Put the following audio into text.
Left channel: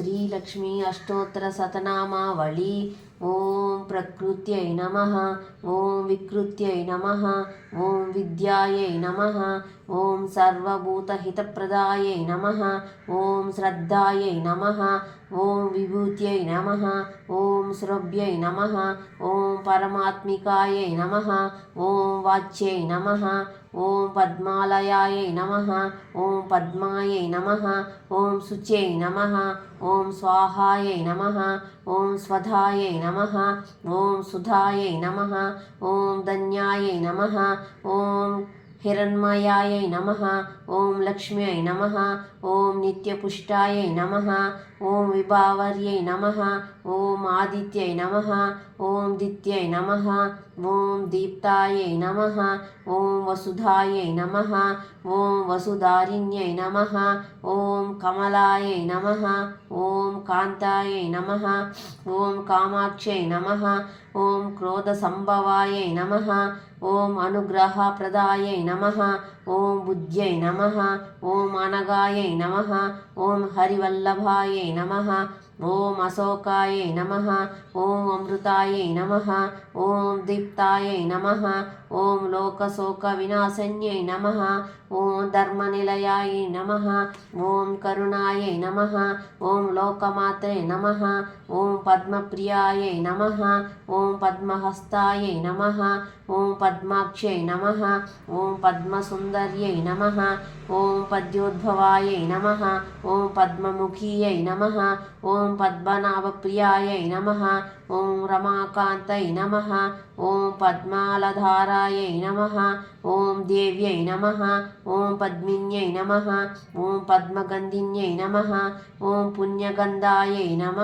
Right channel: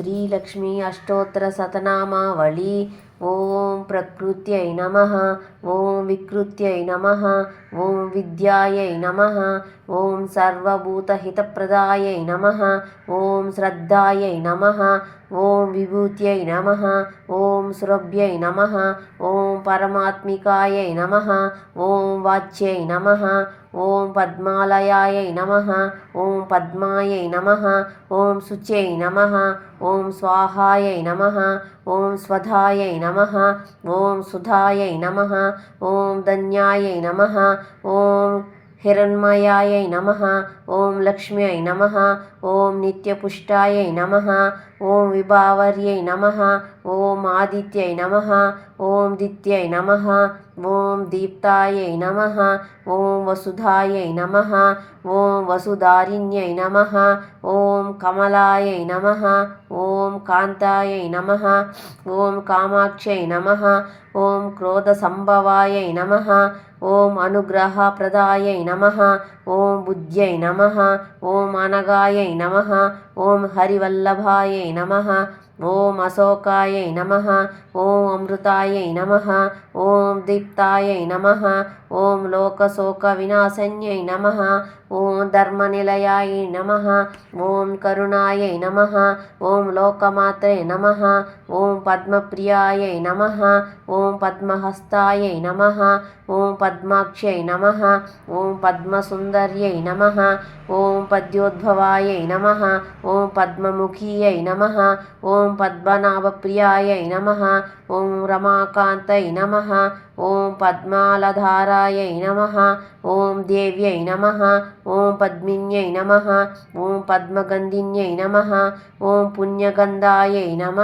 శ్రీలక్ష్మీ అష్టోత్తర సతనామావళి. ఓం ప్రకృత్యై నమ. ఓం వికృత్యై నమ. ఓం విద్యాయై నమ. ఓం సర్వభూతహితప్రదాయై నమ. ఓం శ్రద్ధాయై నమ. ఓం విభూత్యై నమ. ఓం సురభ్యై నమ. ఓం పరమాత్మికాయై నమ ఓం వాచ్యై నమ ఓం పద్మాలయాయై నమ ఓం పద్మాయై నమ ఓం శుచ్యై నమ ఓం స్వాహాయై నమ ఓం స్వధాయై నమ ఓం సుధాయై నమ ఓం ధన్యాయై నమ ఓం హిరణ్మయాయై నమ ఓం లక్ష్మ్యై నమ ఓం నిత్యపుష్టాయై నమ ఓం విభావర్యై నమ ఓం ఆదిత్యై నమ ఓం దిత్యై నమ ఓం దీప్తాయై నమ ఓం వసుధాయై నమ ఓం వసుధారిణ్యై నమ ఓం కమలాయై నమ ఓం కాంతాయై నమ ఓం కామాక్షై నమ ఓం క్రోధసంభవాయై నమ ఓం అనుగ్రహ ప్రదాయై నమ ఓం బుద్ధ్యై నమ ఓం అనగాయై నమ ఓం హరివల్లభాయై నమ ఓం అశోకాయ నమ ఓం అమృతాయ నమ ఓం దీప్తాయ నమ ఓం లోకశోక వినాశన్యై నమ ఓం ధర్మనిలయాయ నమ ఓం కరుణాయ నమ ఓం లోకమాత్రే నమ ఓం పద్మప్రియాయ నమ ఓం పద్మహస్తాయ నమ ఓం పద్మాక్షై నమ ఓం పద్మసుందర్యై నమ ఓం పద్యోద్భవాయ నమ ఓం పద్మముఖీయై నమ ఓం ఓం పద్మనాభప్రియాయ నమ. ఓం రమాకాంతై నమ. ఓం పద్మాలధారాయ నమ. ఓం దేవ్యై నమ. ఓం పద్మిన్యై నమ. ఓం పద్మగంధిన్యై నమ. ఓం పుణ్యగంధాయ నమ.